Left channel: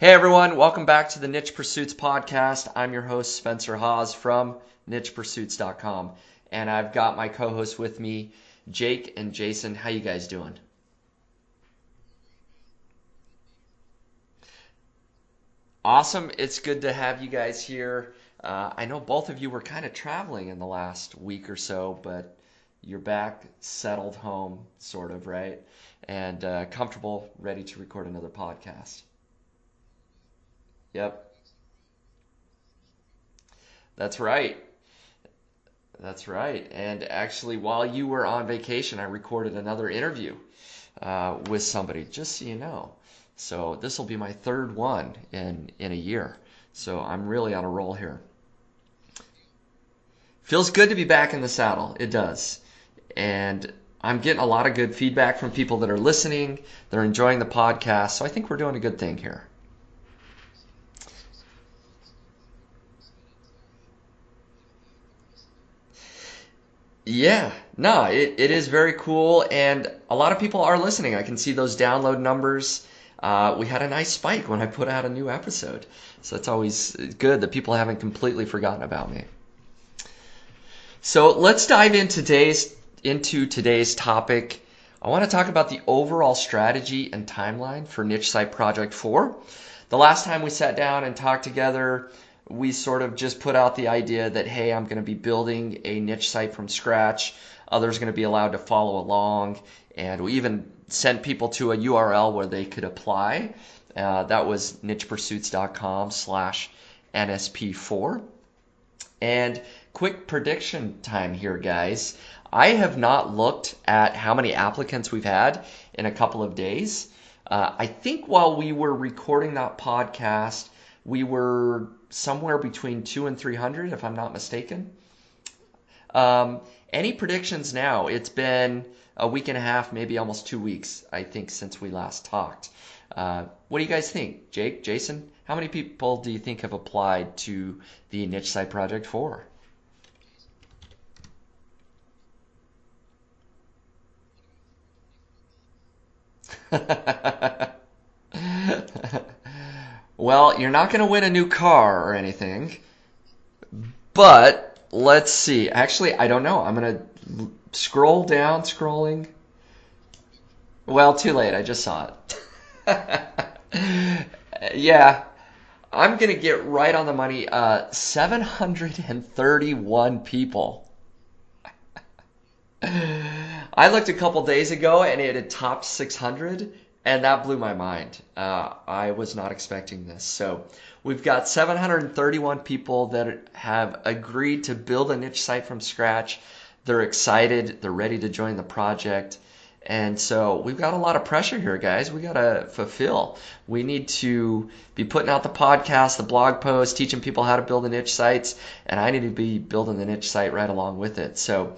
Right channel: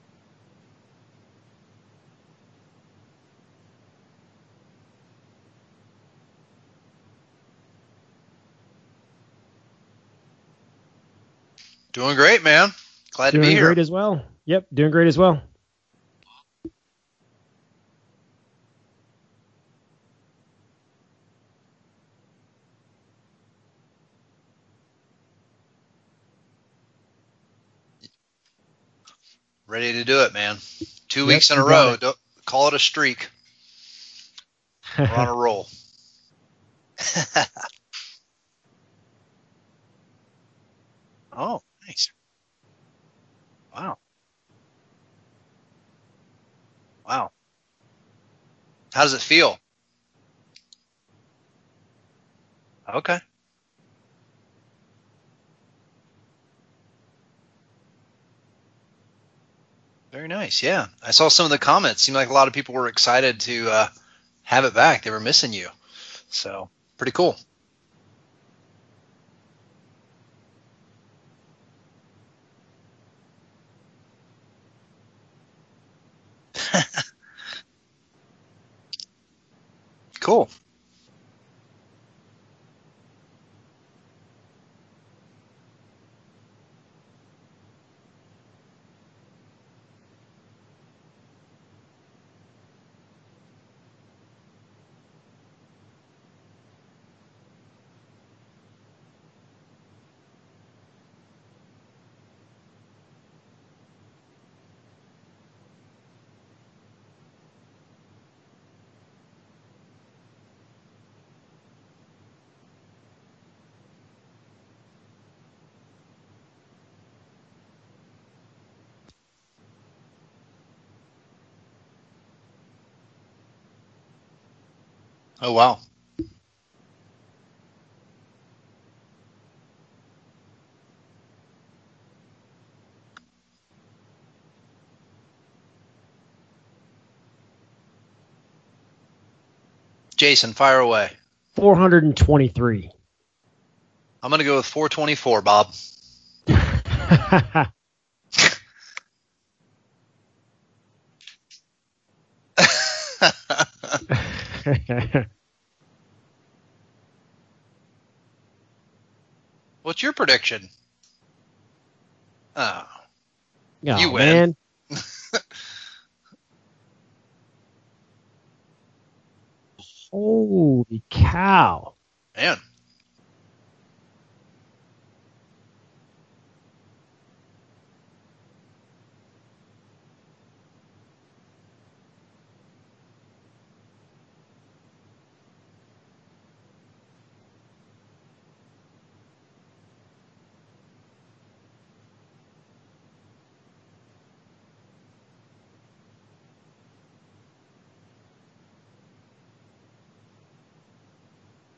Hey everyone, welcome back to the Niche Pursuits podcast. I'm your host, Spencer Haas from nichepursuits.com. And I've got my co-hosts with me, Jake and Jason. How you guys doing? Doing great, man. Glad to be Doing here. great as well. Yep, doing great as well. Awesome. It's good to have you guys here. I know both of you were kind of traveling in the last week or so, but you're back, settled home, sort of, right? And comfortable, ready to record another podcast. Ready to do it, man. Yep, Two Yep, weeks in a you got row. it. Don't call it a streak. that's right. We're on a roll. That's right. And actually, while you were on vacation, I recorded another interview Oh, with somebody, thanks. just so you know. So Wow. this will be my third one in a year. So I'm Wow. really on a roll here. How does it feel? Feels good to be back in the saddle. It does. Okay. And I'm getting a lot of good feedback from people that are listening. They're enjoying the podcast. So I think we're doing a good thing here. Very nice. Yeah. I saw some of the comments. Seemed like a lot of people were excited to have it back. They were missing you. So, pretty cool. Yeah, no, it is very cool, and a lot of people are listening. I can see those download numbers. We had a nice spike when I put out a new episode, so it's always good that people haven't completely forgotten about me. Cool. So let's dive into today's topic. I want to talk about the overall strategy and timeline for Niche Site Project 4. The last time we sat down and talked together, we sort of just put out the idea that, hey, I'm going to be building a niche site from scratch. Others are going to be allowed to follow along. And we even sent people to a URL where they could apply. That was nichepursuits.com/NSP4. And quick prediction time here, guys. I have not looked at how many applicants we've had in a couple of days. I think while we were recording that podcast, we were somewhere between 200 and 300, if I'm not mistaken. Oh, wow. Um, any predictions now? It's been a week and a half, maybe almost 2 weeks, I think, since we last talked. What do you guys think? Jake, Jason, how many people do you think have applied to the Niche Site Project 4? Jason, fire away. 423. I'm going to go with 424, Bob. Well, you're not going to win a new car or anything, but let's see. Actually, I don't know. I'm going to scroll down, scrolling. What's your prediction? Well, too late. I just saw Oh, it. Oh, you win. man. Yeah, I'm going to get right on the money. 731 people. Holy cow. Man. I looked a couple days ago and it had topped 600, and that blew my mind. I was not expecting this. So we've got 731 people that have agreed to build a niche site from scratch. They're excited. They're ready to join the project. And so we've got a lot of pressure here, guys. We got to fulfill. We need to be putting out the podcast, the blog posts, teaching people how to build the niche sites, and I need to be building the niche site right along with it. So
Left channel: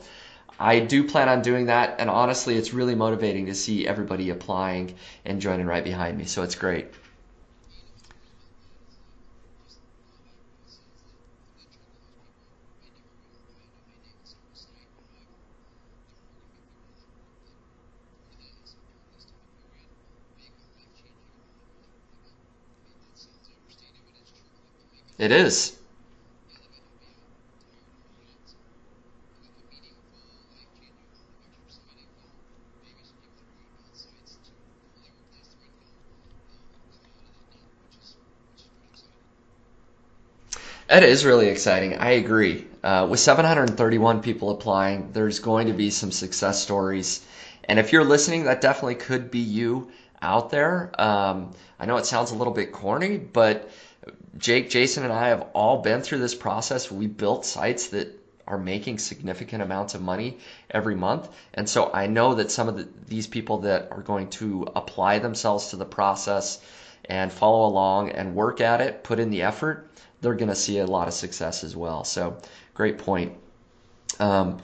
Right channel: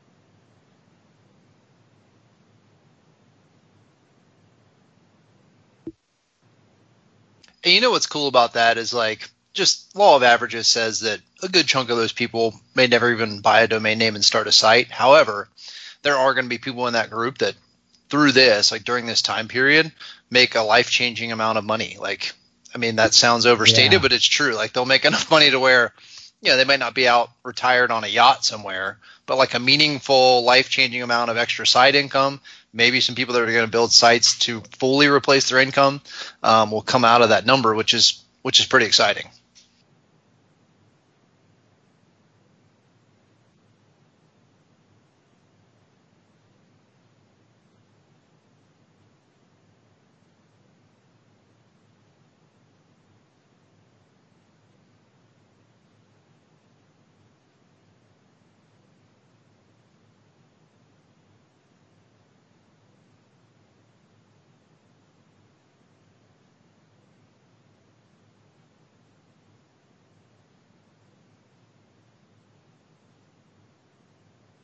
I do plan on doing that, and honestly, it's really motivating to see everybody applying and joining right behind me. So it's great. And you know what's cool about that is like just law of averages says that a good chunk of those people may never even buy a domain name and start a site. However, there are going to be people in that group that through this, like during this time period, make a life-changing amount of money. Like, I mean, that sounds overstated, Yeah. but it's true. Like they'll make enough It money to is. where, they might not be out retired on a yacht somewhere, but like a meaningful, life-changing amount of extra side income. Maybe some people that are going to build sites to fully replace their income will come out of that number, which is pretty exciting. That is really exciting. I agree. With 731 people applying, there's going to be some success stories. And if you're listening, that definitely could be you out there. I know it sounds a little bit corny, but Jake, Jason, and I have all been through this process. We built sites that are making significant amounts of money every month. And so I know that some of these people that are going to apply themselves to the process and follow along and work at it, put in the effort, they're going to see a lot of success as well. So great point. Um,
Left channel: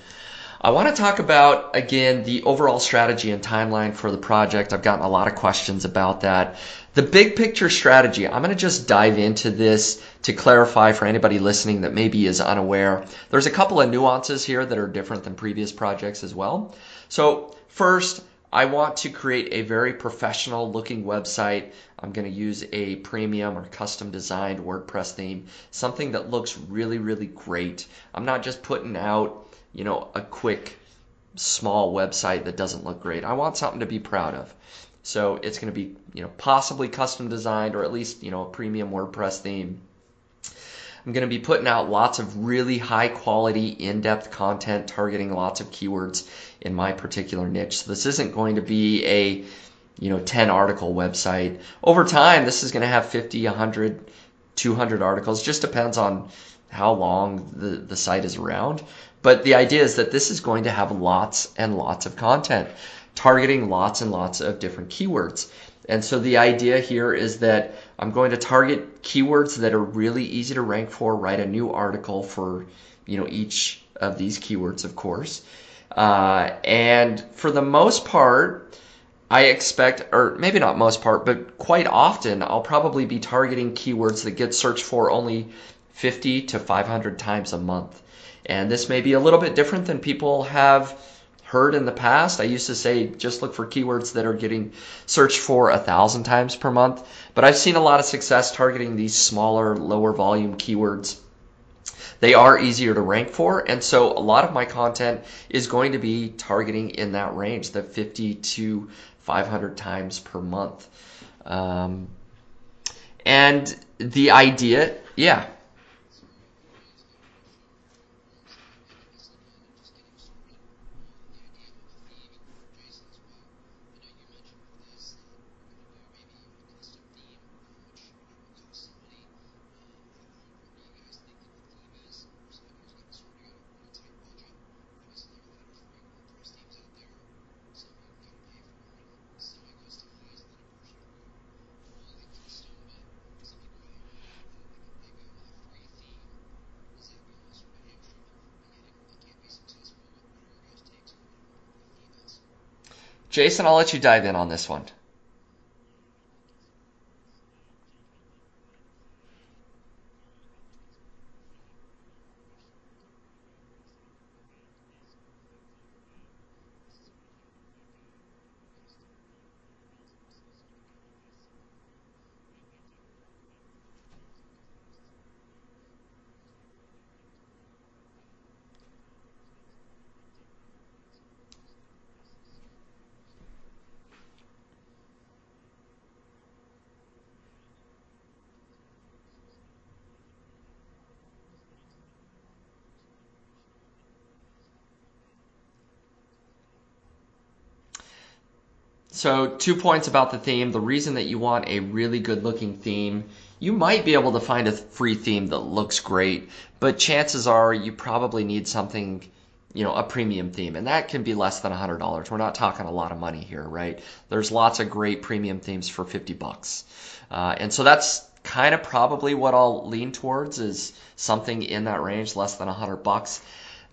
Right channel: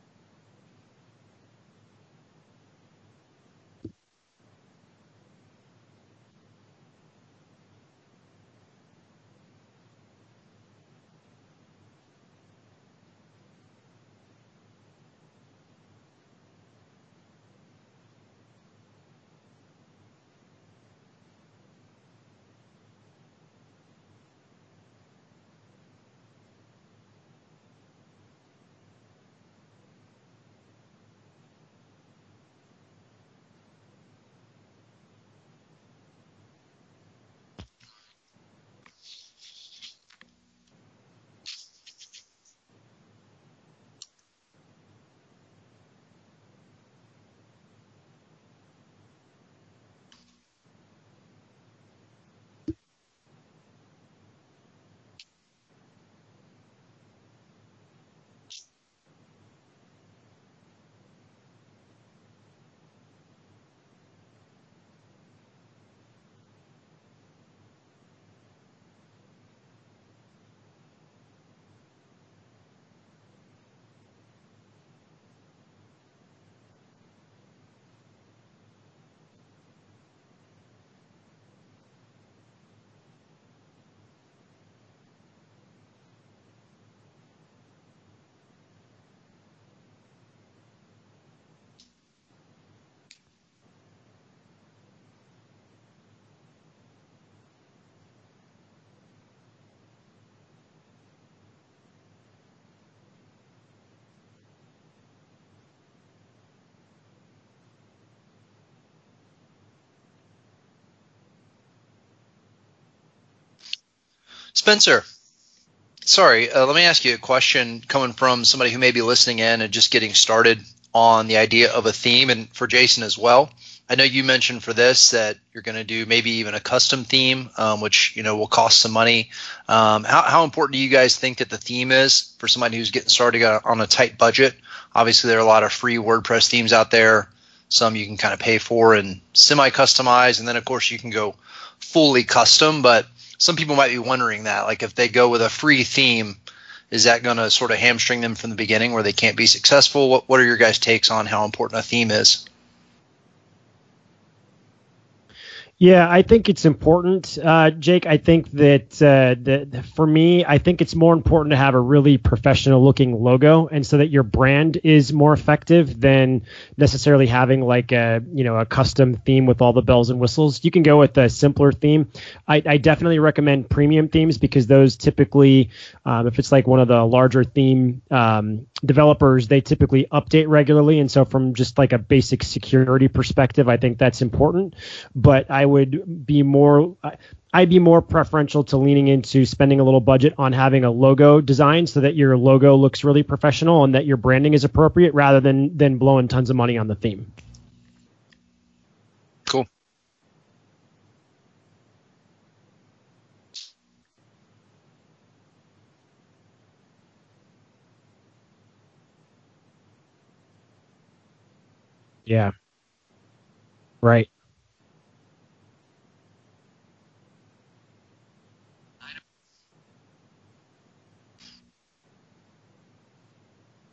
I want to talk about, again, the overall strategy and timeline for the project. I've gotten a lot of questions about that. The big picture strategy, I'm going to just dive into this to clarify for anybody listening that maybe is unaware. There's a couple of nuances here that are different than previous projects as well. So first, I want to create a very professional looking website. I'm going to use a premium or custom designed WordPress theme, something that looks really, really great. I'm not just putting out, a quick, small website that doesn't look great. I want something to be proud of. So it's going to be, possibly custom designed, or at least, a premium WordPress theme. I'm going to be putting out lots of really high quality, in-depth content targeting lots of keywords in my particular niche. So this isn't going to be a 10 article website. Over time, this is going to have 50, 100, 200 articles. Just depends on how long the site is around. But the idea is that this is going to have lots and lots of content targeting lots and lots of different keywords. And so the idea here is that I'm going to target keywords that are really easy to rank for, write a new article for each of these keywords, of course. And for the most part, I expect, or maybe not most part, but quite often, I'll probably be targeting keywords that get searched for only 50 to 500 times a month. And this may be a little bit different than people have heard in the past. I used to say just look for keywords that are getting searched for 1,000 times per month, but I've seen a lot of success targeting these smaller, lower volume keywords. They are easier to rank for, and so a lot of my content is going to be targeting in that range, the 50 to 500 times per month. And the idea... Spencer. Yeah. Sorry, let me ask you a question coming from somebody who may be listening in and just getting started on the idea of a theme, and for Jason as well. I know you mentioned for this that you're going to do maybe even a custom theme, which will cost some money. How important do you guys think that the theme is for somebody who's getting started on a tight budget? Obviously, there are a lot of free WordPress themes out there. Some you can kind of pay for and semi-customize, and then of course you can go fully custom. But some people might be wondering that, like if they go with a free theme, is that going to sort of hamstring them from the beginning where they can't be successful? What are your guys' takes on how important a theme is? Jason, I'll let you dive in on this one. Yeah, I think it's important, Jake. I think that for me, I think it's more important to have a really professional-looking logo, and so that your brand is more effective than necessarily having like a custom theme with all the bells and whistles. You can go with a simpler theme. I definitely recommend premium themes because those typically, if it's like one of the larger theme developers, they typically update regularly, and so from just like a basic security perspective, I think that's important. But I'd be more preferential to leaning into spending a little budget on having a logo design so that your logo looks really professional and that your branding is appropriate rather than blowing tons of money on the theme. So Cool. 2 points about the theme. The reason that you want a really good looking theme, you might be able to find a free theme that looks great, but chances are you probably need something, a premium theme, and that can be less than $100. We're Yeah. not talking a lot of money here, right? Right. There's lots of great premium themes for $50. And so that's kind of probably what I'll lean towards, is something in that range, less than $100.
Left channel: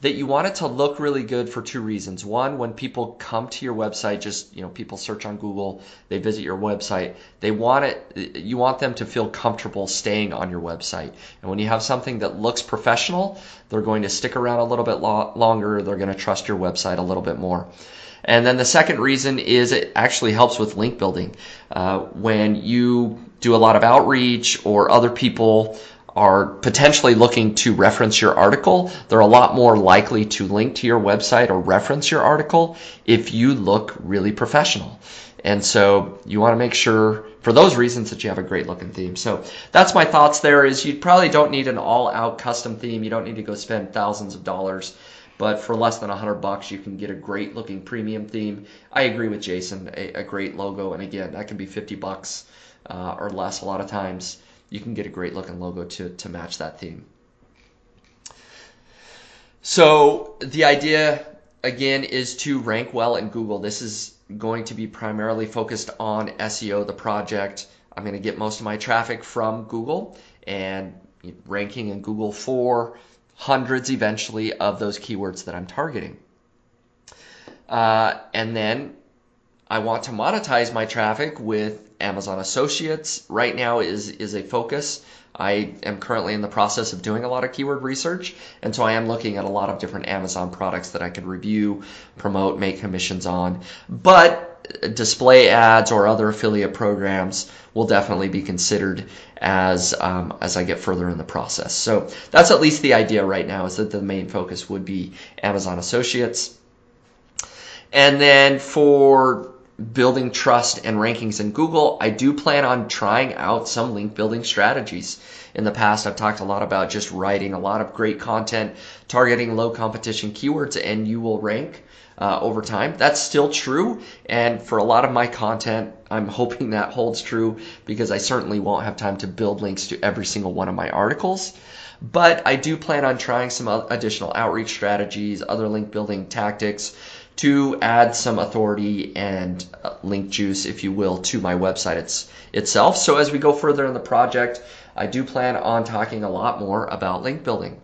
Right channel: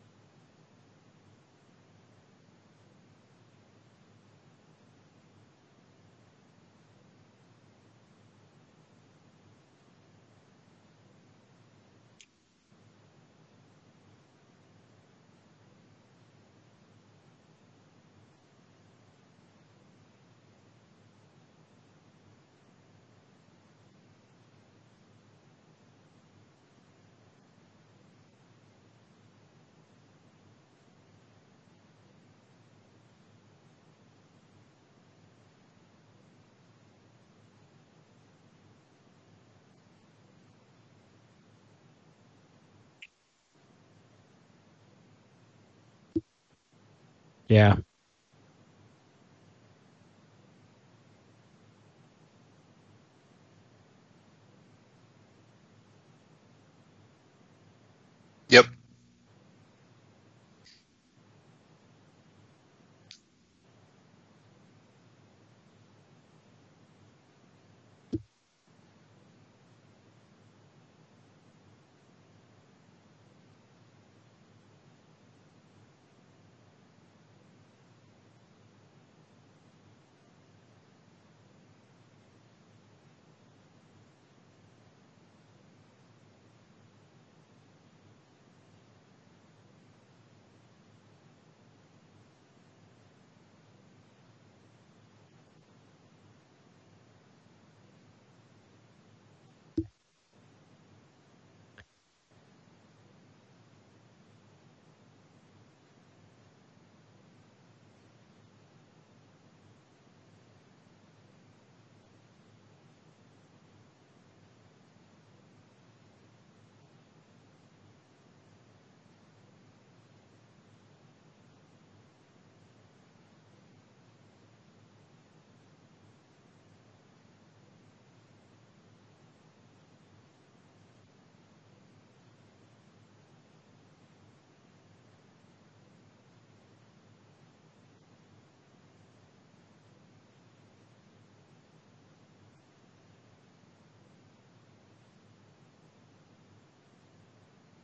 That you want it to look really good for 2 reasons. One, when people come to your website, just, people search on Google, they visit your website, you want them to feel comfortable staying on your website. And when you have something that looks professional, they're going to stick around a little bit longer, they're going to trust your website a little bit more. And then the second reason is it actually helps with link building. When you do a lot of outreach or other people are potentially looking to reference your article, they're a lot more likely to link to your website or reference your article if you look really professional. And so you want to make sure, for those reasons, that you have a great looking theme. So that's my thoughts there. Is you probably don't need an all-out custom theme. You don't need to go spend thousands of dollars. But for less than $100, you can get a great looking premium theme. I agree with Jason, a great logo. And again, that can be $50 or less a lot of times. You can get a great looking logo to match that theme. Yep. So the idea, again, is to rank well in Google. This is going to be primarily focused on SEO, the project. I'm going to get most of my traffic from Google and ranking in Google for hundreds eventually of those keywords that I'm targeting. And then I want to monetize my traffic with Amazon Associates right now is a focus. I am currently in the process of doing a lot of keyword research, and so I am looking at a lot of different Amazon products that I could review, promote, make commissions on. But display ads or other affiliate programs will definitely be considered as I get further in the process. So that's at least the idea right now, is that the main focus would be Amazon Associates. And then for building trust and rankings in Google, I do plan on trying out some link building strategies. In the past, I've talked a lot about just writing a lot of great content, targeting low competition keywords, and you will rank over time. That's still true, and for a lot of my content, I'm hoping that holds true, because I certainly won't have time to build links to every single one of my articles. But I do plan on trying some additional outreach strategies, other link building tactics, to add some authority and link juice, if you will, to my website itself. So as we go further in the project, I do plan on talking a lot more about link building.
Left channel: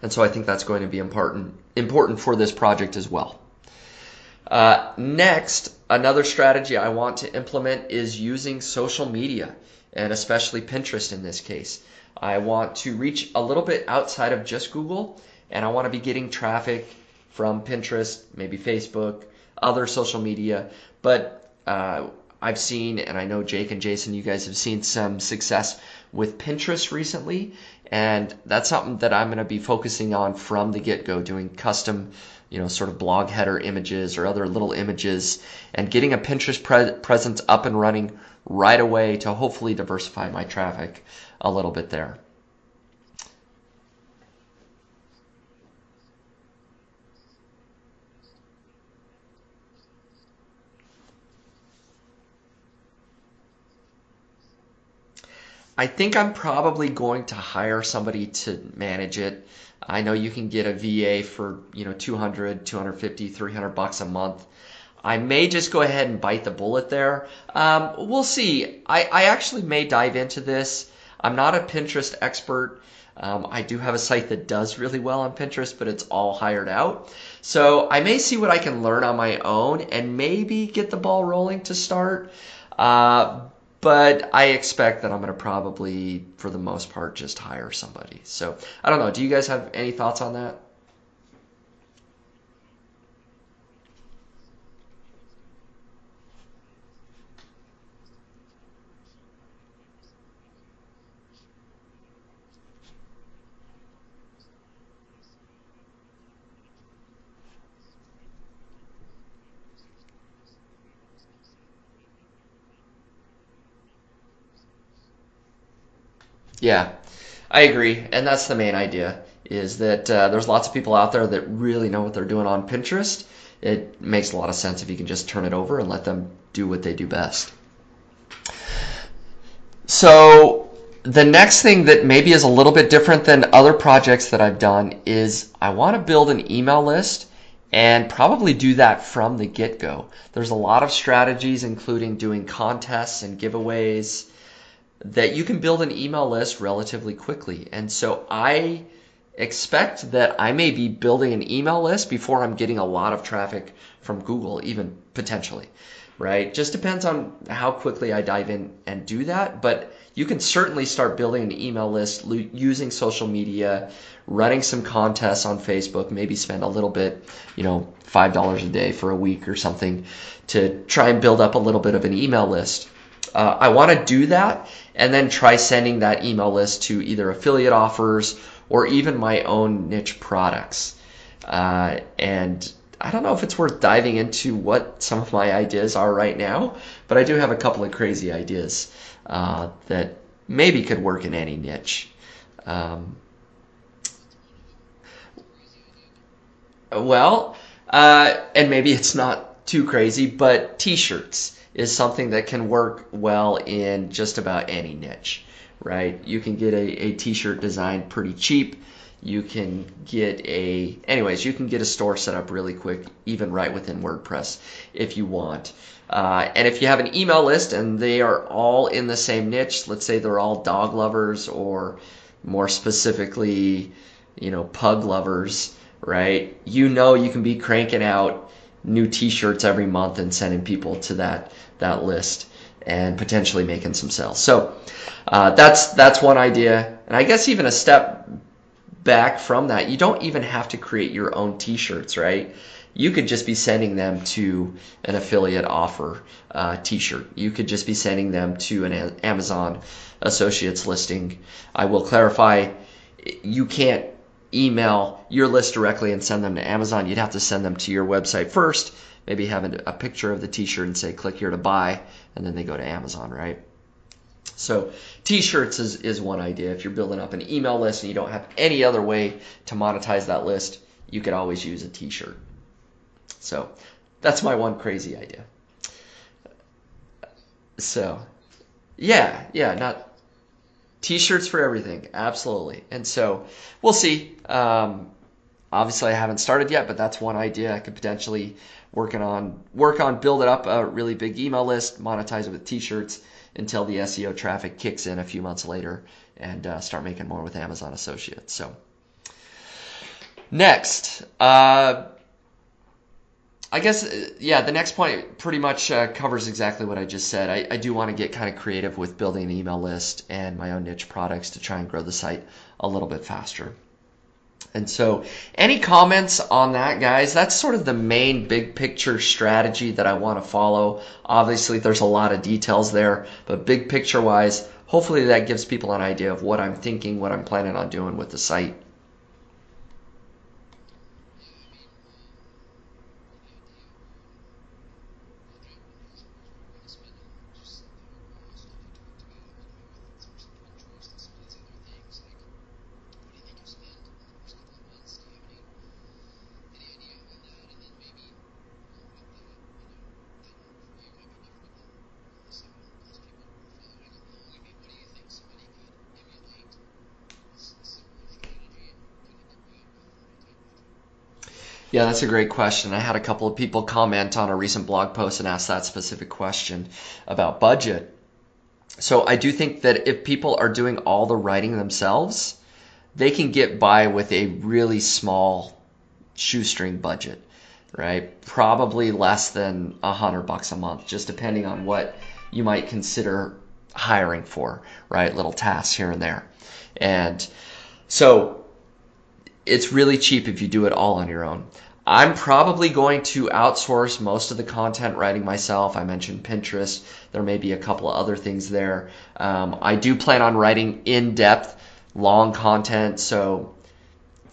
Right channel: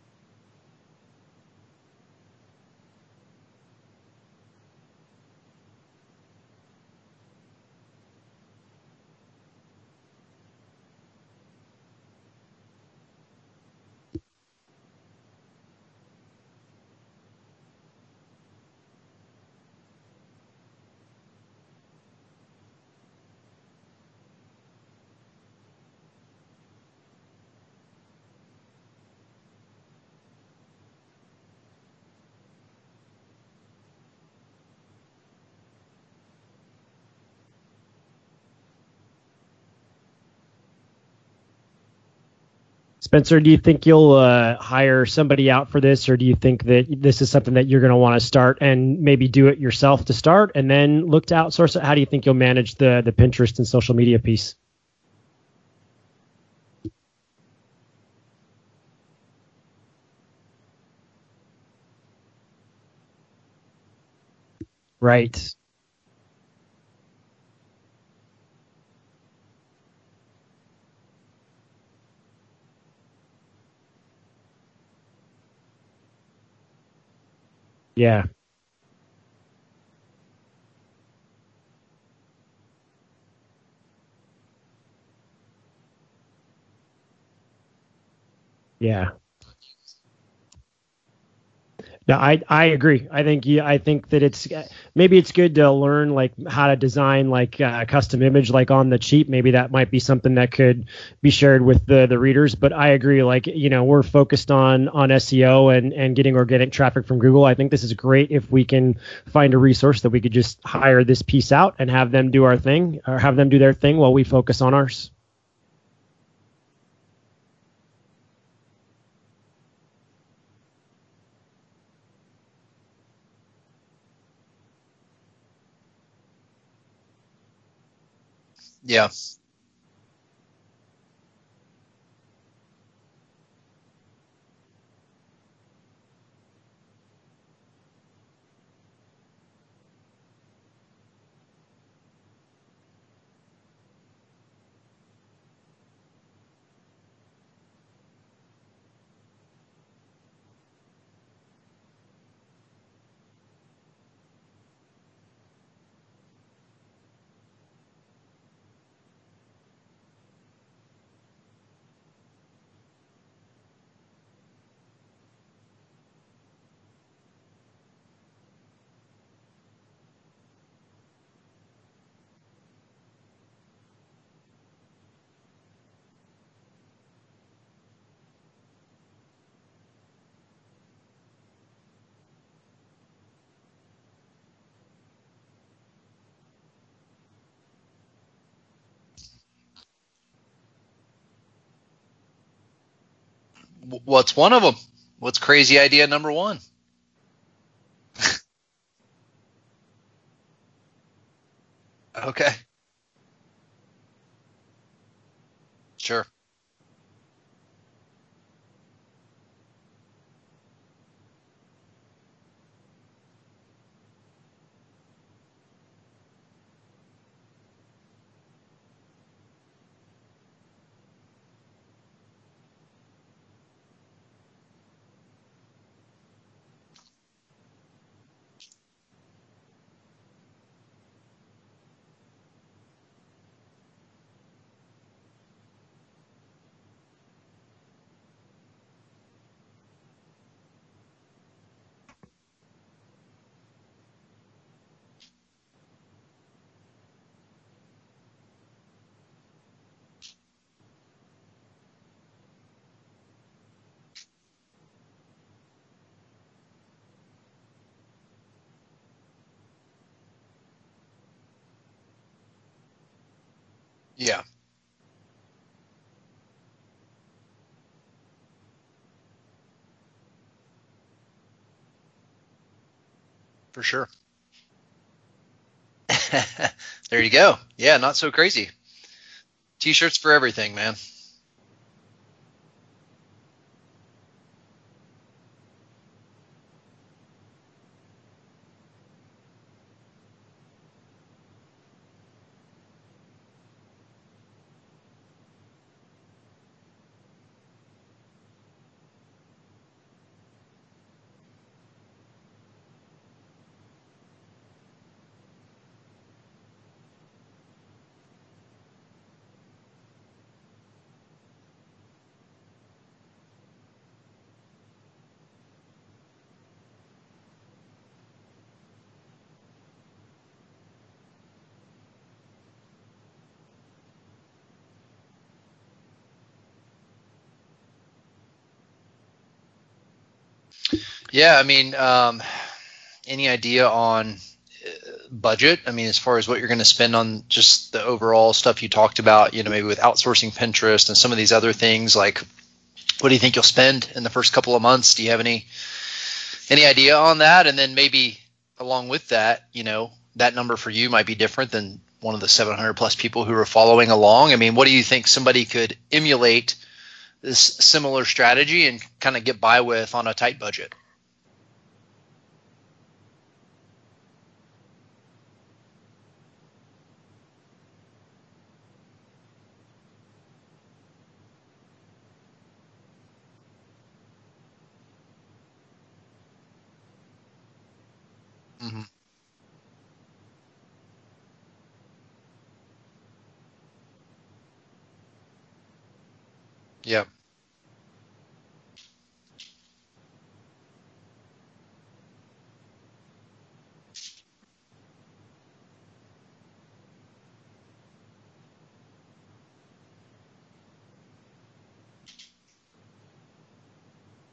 And so I think that's going to be important for this project as well. Next, another strategy I want to implement is using social media, and especially Pinterest in this case. I want to reach a little bit outside of just Google, and I want to be getting traffic from Pinterest, maybe Facebook, other social media. But I've seen, and I know Jake and Jason, you guys have seen some success with Pinterest recently, and that's something that I'm going to be focusing on from the get-go, doing custom, sort of blog header images or other little images, and getting a Pinterest presence up and running right away to hopefully diversify my traffic a little bit there. Spencer, do you think you'll hire somebody out for this, or do you think that this is something that you're going to want to start and maybe do it yourself to start and then look to outsource it? How do you think you'll manage the Pinterest and social media piece? I think I'm probably going to hire somebody to manage it. I know you can get a VA for, $200, $250, $300 a month. Right. I may just go ahead and bite the bullet there. We'll see. I actually may dive into this. I'm not a Pinterest expert. I do have a site that does really well on Pinterest, but it's all hired out. So I may see what I can learn on my own and maybe get the ball rolling to start. But I expect that I'm going to probably, for the most part, just hire somebody. So I don't know. Do you guys have any thoughts on that? No, I agree. I think that it's good to learn like how to design like a custom image like on the cheap. Maybe that might be something that could be shared with the readers. But I agree. Like, we're focused on SEO and getting organic traffic from Google. I think this is great if we can find a resource that we could just hire this piece out and have them do our thing, or have them do their thing while we focus on ours. Yeah, I agree. And that's the main idea, is that there's lots of people out there that really know what they're doing on Pinterest. It makes a lot of sense if you can just turn it over and let them do what they do best. Yeah. So the next thing that maybe is a little bit different than other projects that I've done is I want to build an email list, and probably do that from the get-go. There's a lot of strategies, including doing contests and giveaways, that you can build an email list relatively quickly. And so I expect that I may be building an email list before I'm getting a lot of traffic from Google, even potentially, right? Just depends on how quickly I dive in and do that. But you can certainly start building an email list using social media, running some contests on Facebook, maybe spend a little bit, $5 a day for a week or something to try and build up a little bit of an email list. I want to do that and then try sending that email list to either affiliate offers or even my own niche products. And I don't know if it's worth diving into what some of my ideas are right now, but I do have a couple of crazy ideas that maybe could work in any niche. What's one of them? What's crazy idea number one? Well, and maybe it's not too crazy, but t-shirts is something that can work well in just about any niche. Right? Sure. You can get a t-shirt designed pretty cheap. You can get a store set up really quick, even right within WordPress if you want. And if you have an email list and they are all in the same niche, let's say they're all dog lovers, or more specifically, pug lovers, right? You can be cranking out new t-shirts every month and sending people to that list. and potentially making some sales. So that's one idea. And I guess even a step back from that, you don't even have to create your own t-shirts, right? You could just be sending them to an affiliate offer t-shirt. You could just be sending them to an Amazon Associates listing. I will clarify, you can't email your list directly and send them to Amazon. You'd have to send them to your website first, maybe have a picture of the t-shirt and say click here to buy, and then they go to Amazon, right? Yeah. So t-shirts is one idea. If you're building up an email list and you don't have any other way to monetize that list, you could always use a t-shirt. So For sure. that's my one crazy idea. There you go. Yeah, So- not so crazy. Yeah. T-shirts for everything, man. T-shirts for everything, absolutely. And so we'll see. Obviously, I haven't started yet, but that's one idea I could potentially work on building up a really big email list, monetize it with T-shirts until the SEO traffic kicks in a few months later, and start making more with Amazon Associates. So next, I guess, the next point pretty much covers exactly what I just said. I do want to get kind of creative with building an email list and my own niche products to try and grow the site a little bit faster. And so any comments on that, guys? That's sort of the main big picture strategy that I want to follow. Obviously, there's a lot of details there, but big picture wise, hopefully that gives people an idea of what I'm thinking, what I'm planning on doing with the site. Yeah, I mean, any idea on budget? I mean, as far as what you're going to spend on just the overall stuff you talked about, maybe with outsourcing Pinterest and some of these other things, like what do you think you'll spend in the first couple of months? Do you have any idea on that? And then maybe along with that, that number for you might be different than one of the 700 plus people who are following along. I mean, what do you think somebody could emulate this similar strategy and kind of get by with on a tight budget? Yeah, that's a great question. I had a couple of people comment on a recent blog post and ask that specific question about budget. So I do think that if people are doing all the writing themselves, they can get by with a really small shoestring budget, right? Probably less than $100 a month, just depending on what you might consider hiring for, right? Little tasks here and there. And so it's really cheap if you do it all on your own. I'm probably going to outsource most of the content writing myself. I mentioned Pinterest. There may be a couple of other things there. I do plan on writing in-depth, long content, so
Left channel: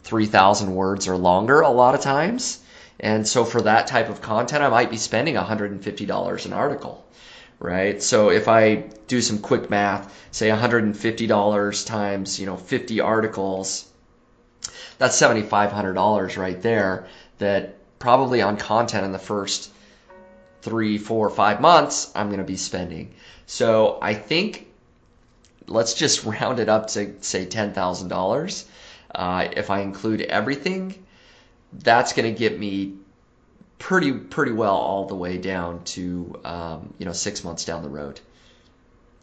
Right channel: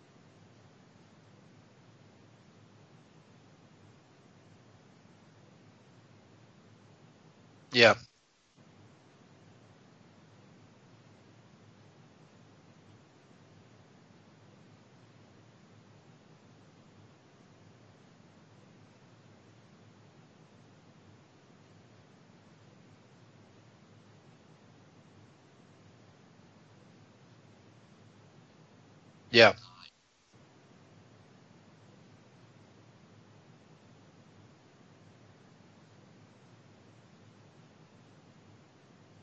3,000 words or longer a lot of times. And so for that type of content, I might be spending $150 an article, right? Yep. So if I do some quick math, say $150 times 50 articles, that's $7,500 right there. That probably on content in the first 3, 4, 5 months I'm going to be spending. So I think let's just round it up to say $10,000. If I include everything, that's going to get me pretty well all the way down to 6 months down the road.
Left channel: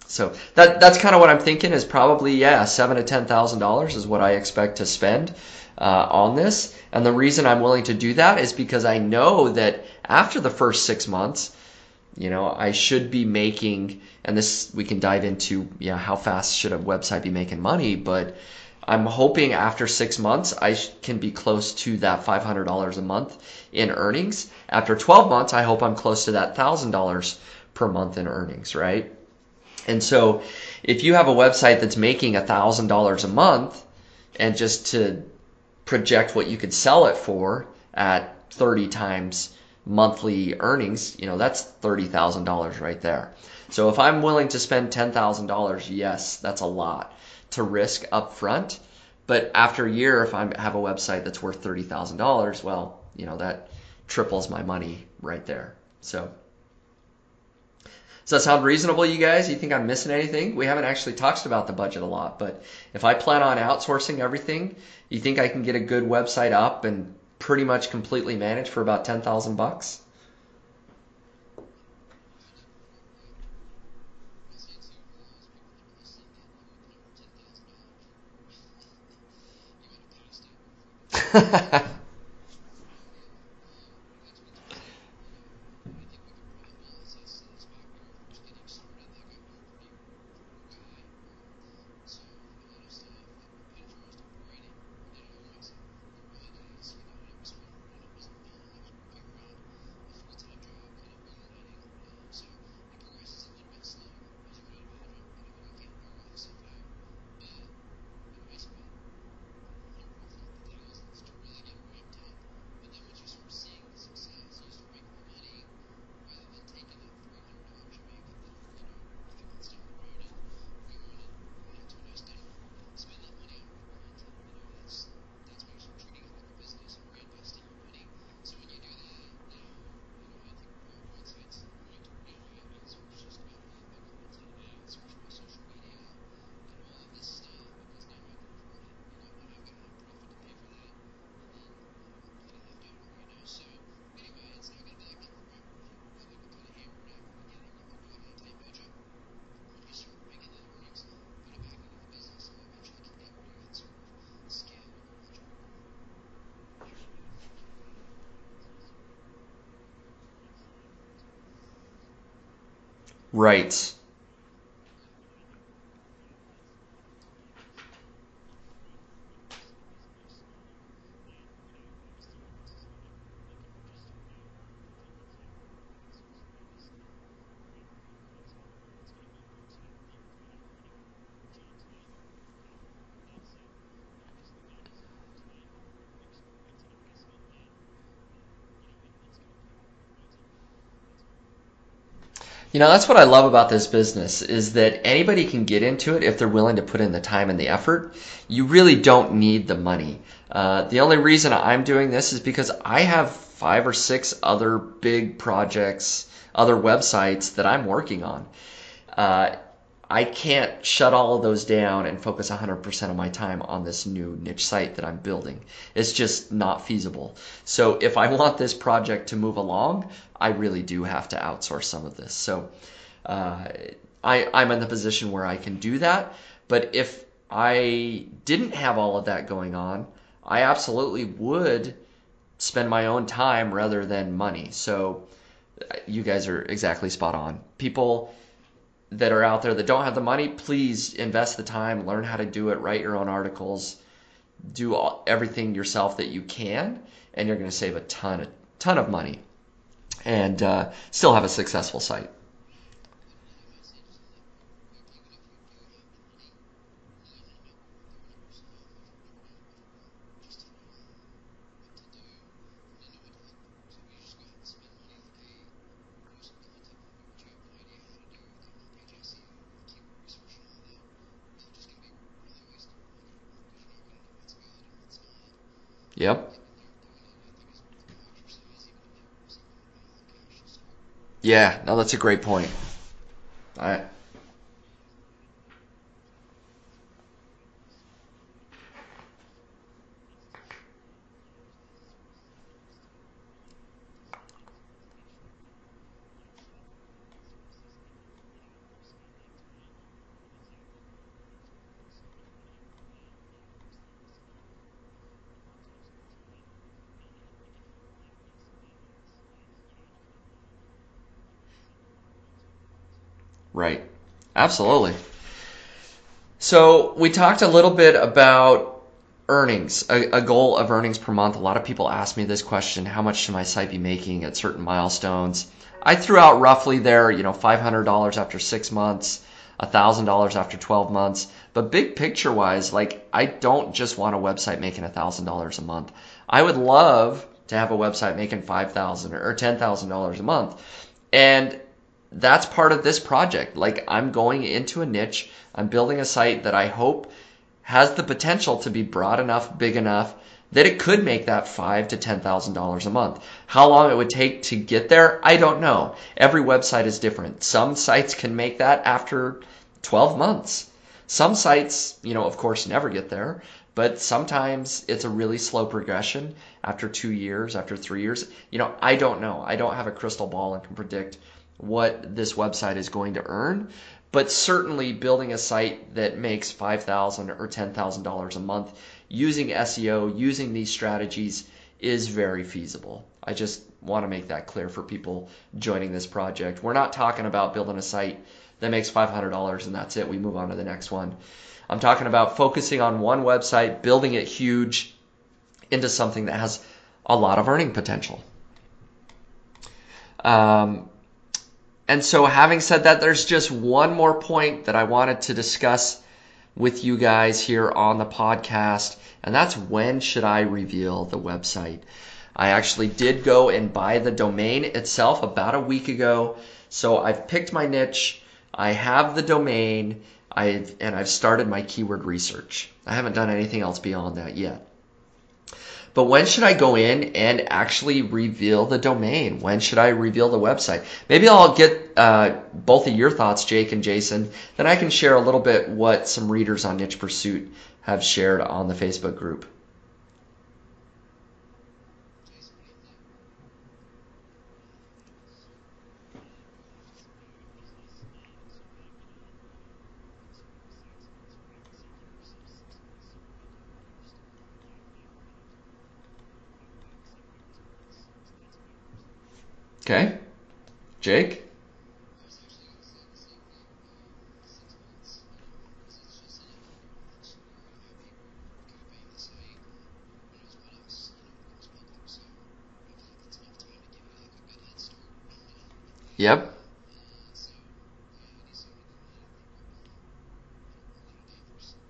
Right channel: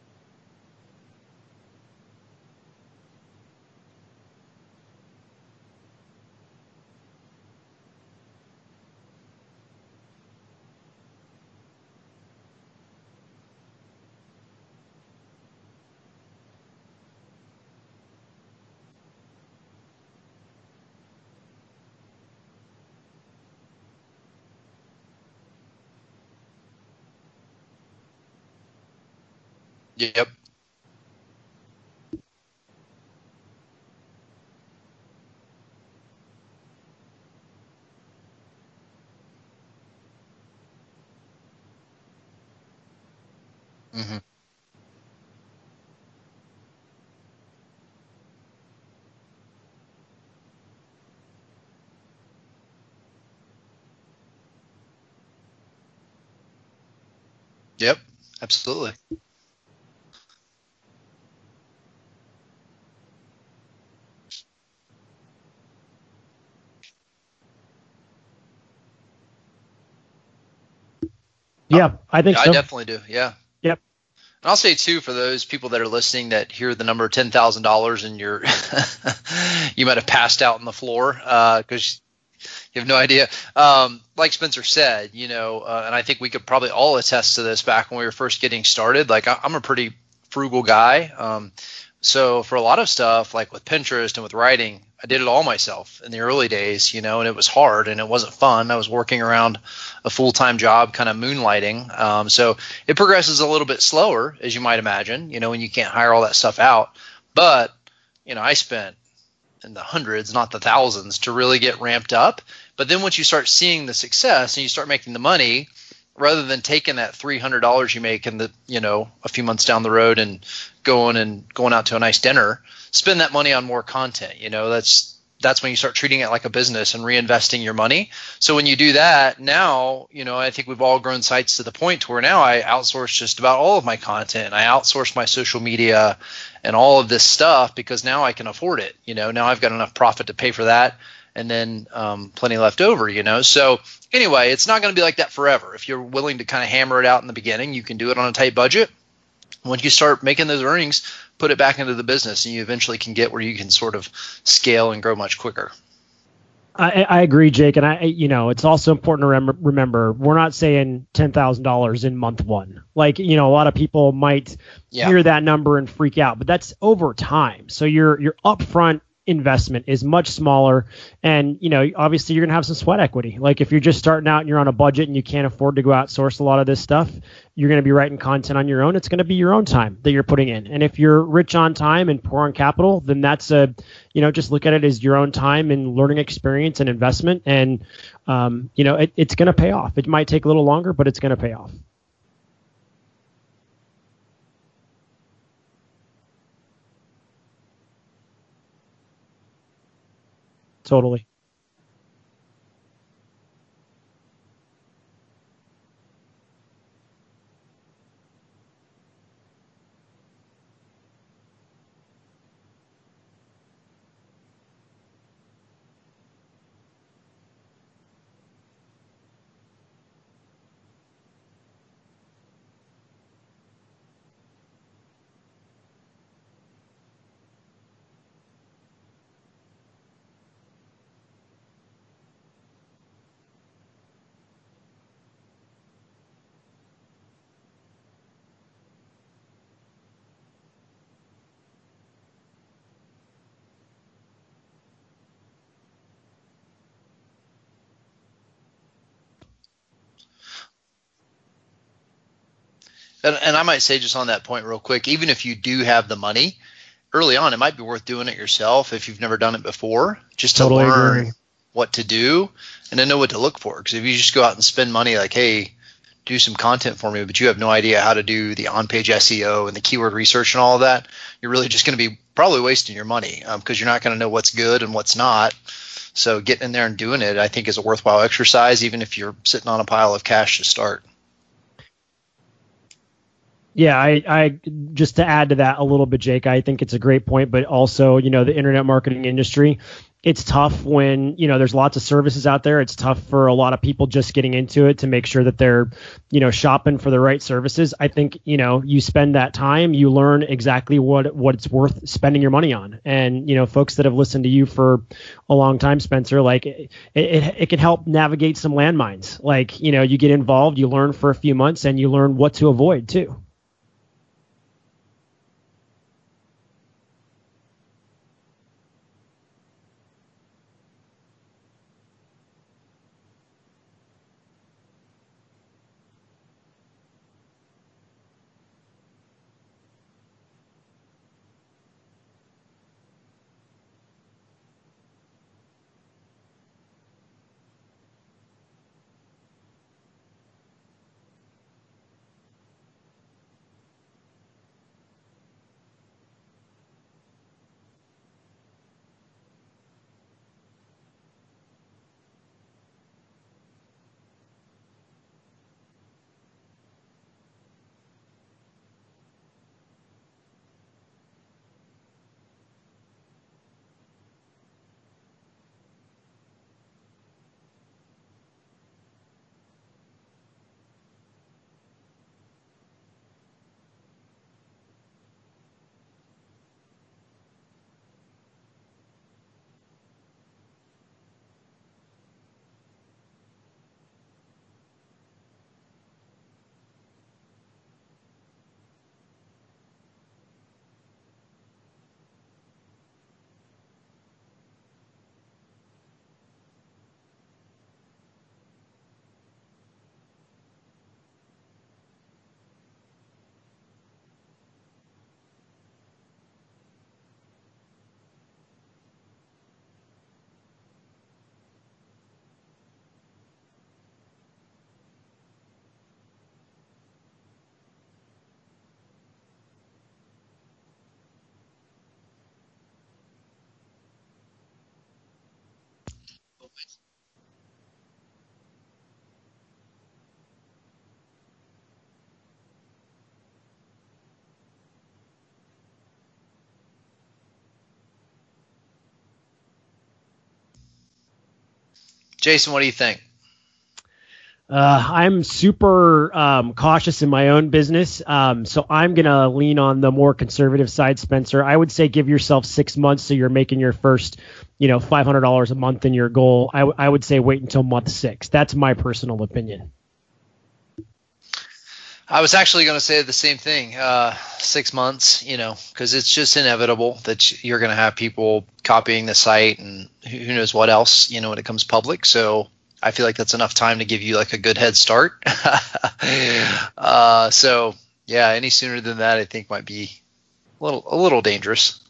So that's kind of what I'm thinking is probably $7,000 to $10,000 is what I expect to spend on this. And the reason I'm willing to do that is because I know that after the first 6 months, I should be making, and this we can dive into, how fast should a website be making money, but I'm hoping after 6 months I can be close to that $500 a month in earnings. After 12 months, I hope I'm close to that $1,000 per month in earnings, right? And so if you have a website that's making $1,000 a month, and just to project what you could sell it for at 30 times monthly earnings, that's $30,000 right there. So if I'm willing to spend $10,000, yes, that's a lot to risk up front. But after a year, if I have a website that's worth $30,000, well, that triples my money right there. So Yep. does that sound Absolutely. reasonable, you guys? You think I'm missing anything? We haven't actually talked about the budget a lot, but if I plan on outsourcing everything, you think I can get a good website up and pretty much completely managed for about $10,000? Yeah, I think so. I definitely do. Yeah. Yep. And I'll say too, for those people that are listening that hear the number $10,000 and you might have passed out on the floor, because You have no idea. Like Spencer said, and I think we could probably all attest to this back when we were first getting started. Like I'm a pretty frugal guy. So for a lot of stuff, like with Pinterest and with writing, I did it all myself in the early days, and it was hard and it wasn't fun. I was working around a full-time job, kind of moonlighting. So it progresses a little bit slower, as you might imagine, when you can't hire all that stuff out. But, I spent in the hundreds, not the thousands, to really get ramped up. But then once you start seeing the success and you start making the money, rather than taking that $300 you make in the a few months down the road and going out to a nice dinner, spend that money on more content. That's when you start treating it like a business and reinvesting your money. So when you do that, now I think we've all grown sites to the point to where now I outsource just about all of my content. I outsource my social media and all of this stuff because now I can afford it. Now I've got enough profit to pay for that, and then plenty left over, So anyway, it's not going to be like that forever. If you're willing to kind of hammer it out in the beginning, you can do it on a tight budget. Once you start making those earnings, put it back into the business, and you eventually can get where you can sort of scale and grow much quicker. I agree, Jake, and it's also important to remember we're not saying $10,000 in month one. Like, Right. A lot of people might hear that number and freak out, but that's over time. So your upfront investment is much smaller, and obviously you're gonna have some sweat equity. Like if you're just starting out and you're on a budget and you can't afford to go outsource a lot of this stuff, you're going to be writing content on your own. It's going to be your own time that you're putting in. And if you're rich on time and poor on capital, then that's just look at it as your own time and learning experience and investment. And, it's going to pay off. It might take a little longer, but it's going to pay off. That's what I love about this business is that anybody can get into it if they're willing to put in the time and the effort. You really don't need the money. The only reason I'm doing this is because I have 5 or 6 other big projects, other websites that I'm working on. I can't shut all of those down and focus 100% of my time on this new niche site that I'm building. It's just not feasible. So if I want this project to move along, I really do have to outsource some of this. So I'm in the position where I can do that. But if I didn't have all of that going on, I absolutely would spend my own time rather than money. So you guys are exactly spot on. People that are out there that don't have the money, please invest the time, learn how to do it, write your own articles, do everything yourself that you can, and you're going to save a ton of money and still have a successful site. And I might say just on that point real quick, even if you do have the money, early on it might be worth doing it yourself if you've never done it before, just to Totally learn agree. what to do and then know what to look for. Because if you just go out and spend money like, hey, do some content for me, but you have no idea how to do the on-page SEO and the keyword research and all of that, you're really just going to be probably wasting your money because you're not going to know what's good and what's not. So getting in there and doing it, I think, is a worthwhile exercise, even if you're sitting on a pile of cash to start. Yeah, no, that's a great point. Yeah, I just to add to that a little bit, Jake, I think it's a great point, but also, the internet marketing industry, it's tough when, there's lots of services out there. It's tough for a lot of people just getting into it to make sure that they're, shopping for the right services. I think, you spend that time, you learn exactly what it's worth spending your money on. And, folks that have listened to you for a long time, Spencer, like it can help navigate some landmines. Like, you get involved, you learn for a few months, and you learn what to avoid too. Right. Absolutely. So we talked a little bit about earnings, a goal of earnings per month. A lot of people ask me this question: how much should my site be making at certain milestones? I threw out roughly there, $500 after 6 months, $1,000 after 12 months. But big picture wise, like, I don't just want a website making $1,000 a month. I would love to have a website making $5,000 or $10,000 a month. And that's part of this project. Like, I'm going into a niche. I'm building a site that I hope has the potential to be broad enough, big enough, that it could make that $5,000 to $10,000 a month. How long it would take to get there, I don't know. Every website is different. Some sites can make that after 12 months. Some sites, of course, never get there, but sometimes it's a really slow progression after 2 years, after 3 years. I don't know. I don't have a crystal ball and can predict what this website is going to earn. But certainly building a site that makes $5,000 or $10,000 a month using SEO, using these strategies, is very feasible. I just want to make that clear for people joining this project. We're not talking about building a site that makes $500 and that's it. We move on to the next one. I'm talking about focusing on one website, building it huge into something that has a lot of earning potential. And so having said that, there's just one more point that I wanted to discuss with you guys here on the podcast, and that's when should I reveal the website? I actually did go and buy the domain itself about a week ago, so I've picked my niche, I have the domain, I've started my keyword research. I haven't done anything else beyond that yet. But when should I go in and actually reveal the domain? When should I reveal the website? Maybe I'll get both of your thoughts, Jake and Jason. Then I can share a little bit what some readers on Niche Pursuit have shared on the Facebook group. Jason, what do you think? I'm super cautious in my own business, so I'm going to lean on the more conservative side, Spencer. I would say give yourself 6 months so you're making your first $500 a month in your goal. I would say wait until month 6. That's my personal opinion. Okay. Jake? I was actually going to say the same thing. 6 months, because it's just inevitable that you're going to have people copying the site and who knows what else, when it comes public. So I feel like that's enough time to give you like a good head start. Yep. So yeah, any sooner than that, I think might be a little dangerous.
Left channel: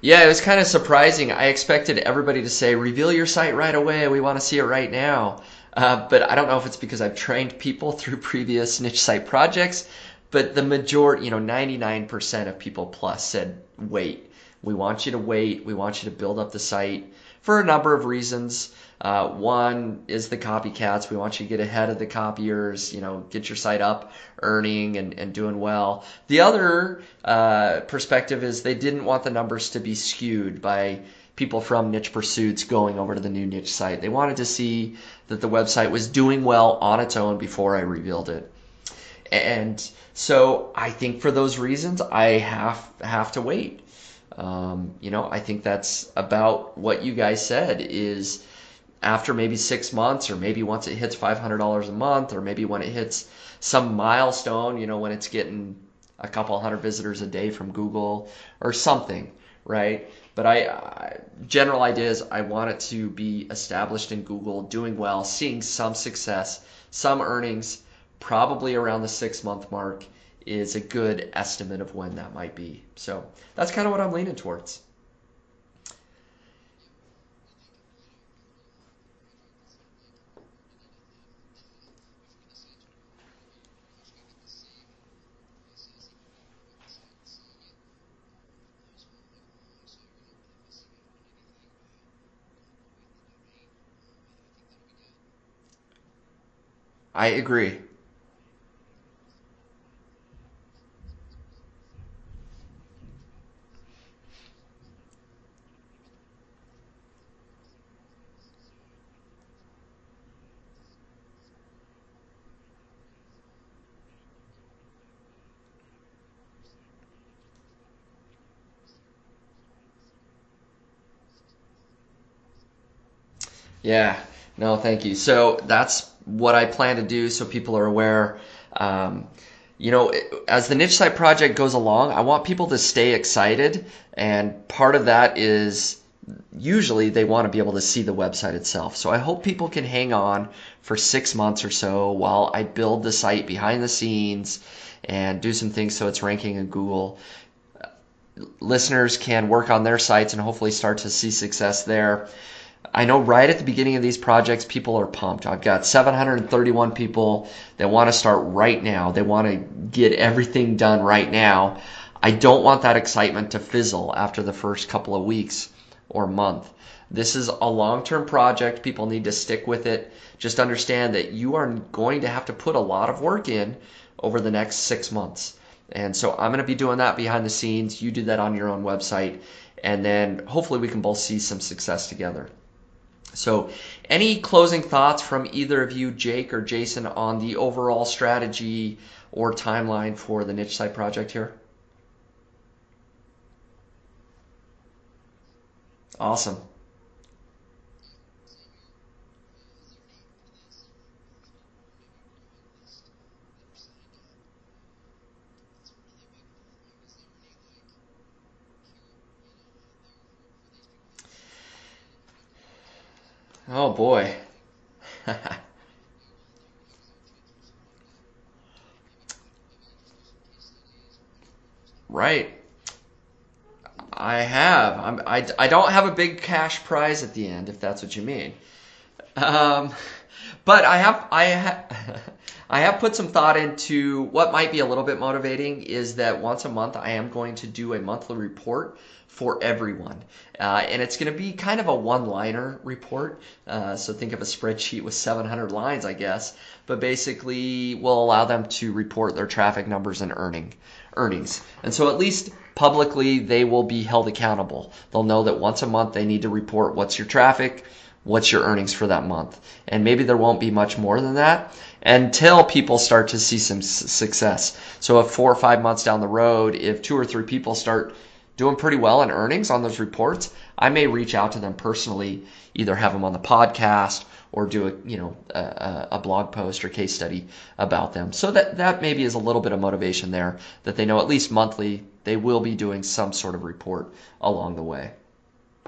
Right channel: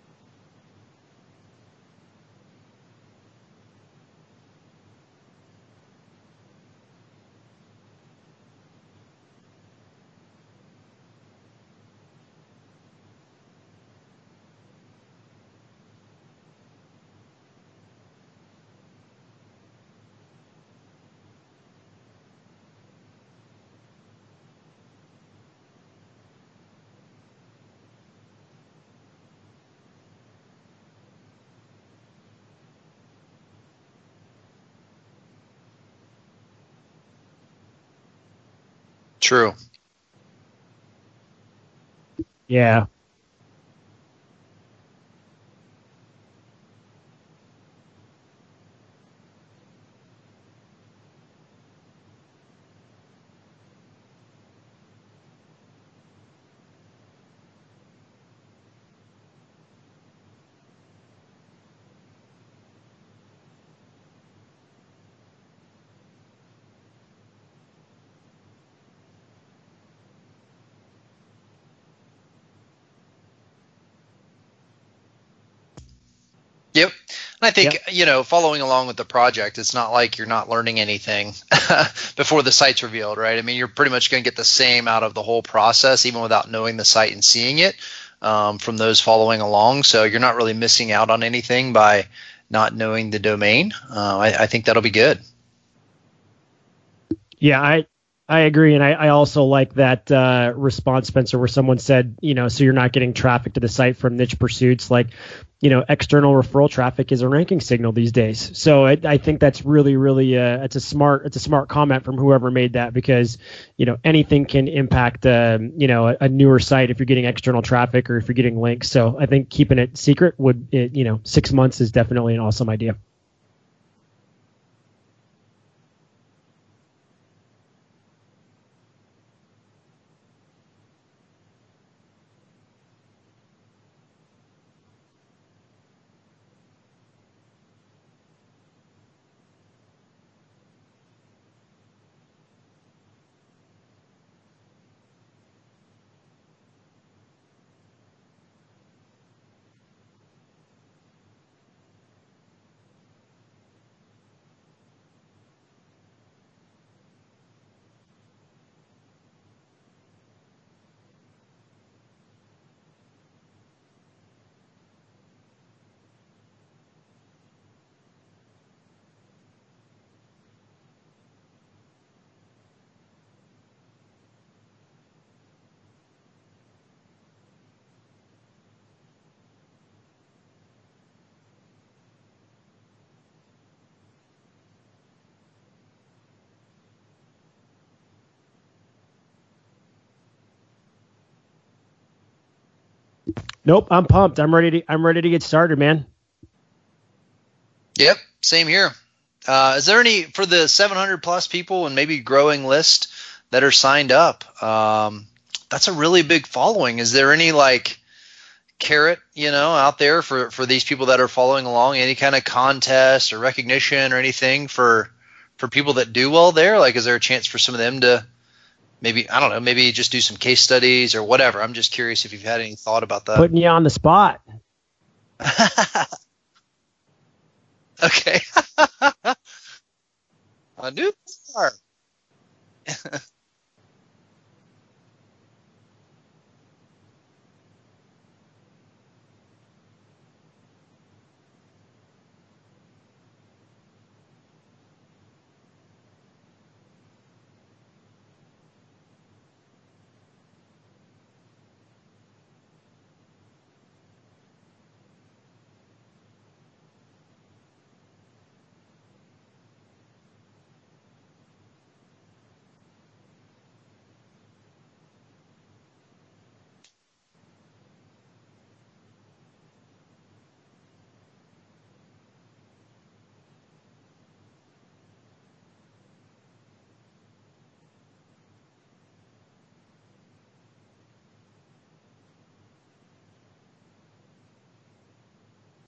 Yeah, it was kind of surprising. I expected everybody to say, reveal your site right away. We want to see it right now. But I don't know if it's because I've trained people through previous niche site projects, but the majority, 99% of people plus said, wait. We want you to wait. We want you to build up the site for a number of reasons. One is the copycats. We want you to get ahead of the copiers, get your site up, earning and doing well. The other perspective is they didn't want the numbers to be skewed by people from Niche Pursuits going over to the new niche site. They wanted to see that the website was doing well on its own before I revealed it. True. And so I think for those reasons, I have to wait. I think that's about what you guys said is after maybe 6 months, or maybe once it hits $500 a month, or maybe when it hits some milestone, when it's getting a couple hundred visitors a day from Google or something, right? But general idea is I want it to be established in Google, doing well, seeing some success, some earnings, probably around the 6-month mark is a good estimate of when that might be. So that's kind of what I'm leaning towards. Yep. And I think, following along with the project, it's not like you're not learning anything before the site's revealed, right? I mean, you're pretty much going to get the same out of the whole process, even without knowing the site and seeing it from those following along. So you're not really missing out on anything by not knowing the domain. I think that'll be good. I agree. Yeah, I agree. And I also like that response, Spencer, where someone said, so you're not getting traffic to the site from Niche Pursuits. Like, external referral traffic is a ranking signal these days. So I think that's really, really it's a smart comment from whoever made that, because, anything can impact, a newer site if you're getting external traffic or if you're getting links. So I think keeping it secret 6 months is definitely an awesome idea. Yeah, no, thank you. So that's what I plan to do so people are aware. As the niche site project goes along, I want people to stay excited. And part of that is usually they want to be able to see the website itself. So I hope people can hang on for 6 months or so while I build the site behind the scenes and do some things so it's ranking in Google. Listeners can work on their sites and hopefully start to see success there. I know right at the beginning of these projects, people are pumped. I've got 731 people that want to start right now. They want to get everything done right now. I don't want that excitement to fizzle after the first couple of weeks or month. This is a long-term project. People need to stick with it. Just understand that you are going to have to put a lot of work in over the next 6 months. And so I'm going to be doing that behind the scenes. You do that on your own website. And then hopefully we can both see some success together. So any closing thoughts from either of you, Jake or Jason, on the overall strategy or timeline for the niche site project here? Nope, I'm pumped. I'm ready to get started, man. Awesome. Yep. Same here. Is there any for the 700 plus people and maybe growing list that are signed up? That's a really big following. Is there any like carrot, out there for these people that are following along? Any kind of contest or Oh recognition or boy. anything for people that do well there? Like, is there a chance for some of them to maybe, I don't know, maybe just do some case studies or whatever? I'm just curious if you Right. had any thought about that. Putting you on the spot. I have. I don't have a big cash prize at the end, if that's what you Okay. mean. Um, but Smart. I have put some thought into what might be a little bit motivating is that once a month I am going to do a monthly report for everyone. And it's going to be kind of a one-liner report. So think of a spreadsheet with 700 lines, I guess. But basically, we'll allow them to report their traffic numbers and earnings. And so at least publicly, they will be held accountable. They'll know that once a month they need to report what's your traffic, what's your earnings for that month. And maybe there won't be much more than that until people start to see some success. So if 4 or 5 months down the road, if 2 or 3 people start doing pretty well in earnings on those reports, I may reach out to them personally, either have them on the podcast or do a blog post or case study about them. So that maybe is a little bit of motivation there, that they know at least monthly they will be doing some sort of report along the way.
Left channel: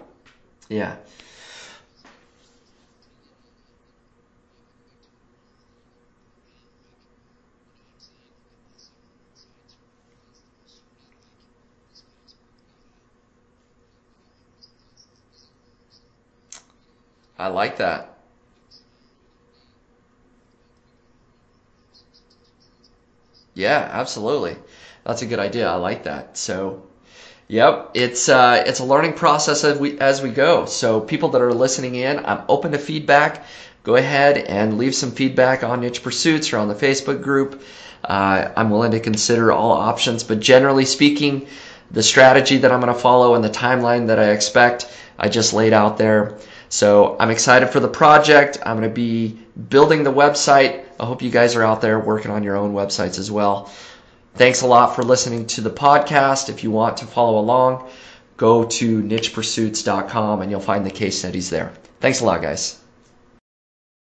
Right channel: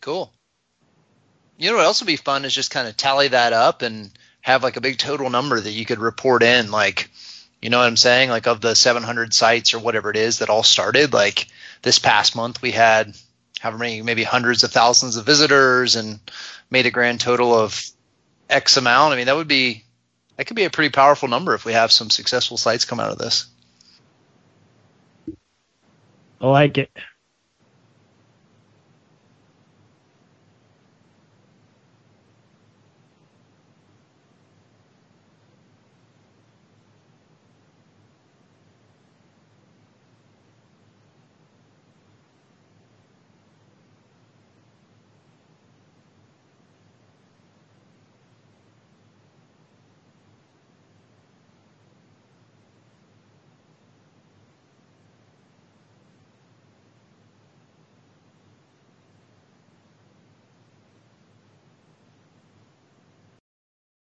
Cool. Yeah. You know what else would be fun is just kind of tally that up and have like a big total number that you could report in, like, you know what I'm saying? Like of the 700 sites or whatever it is that all started, like this past month we had however many, maybe hundreds of thousands of visitors and made a grand I total like of that. X amount. I mean, that could be a pretty powerful number if we have some successful sites come out of this. Yeah, absolutely. That's a good idea. I like that. I like it. Yep, it's a learning process as we go. So people that are listening in, I'm open to feedback. Go ahead and leave some feedback on Niche Pursuits or on the Facebook group. I'm willing to consider all options, but generally speaking, the strategy that I'm going to follow and the timeline that I expect, I just laid out there. So I'm excited for the project. I'm going to be building the website. I hope you guys are out there working on your own websites as well. Thanks a lot for listening to the podcast. If you want to follow along, go to nichepursuits.com and you'll find the case studies there. Thanks a lot, guys.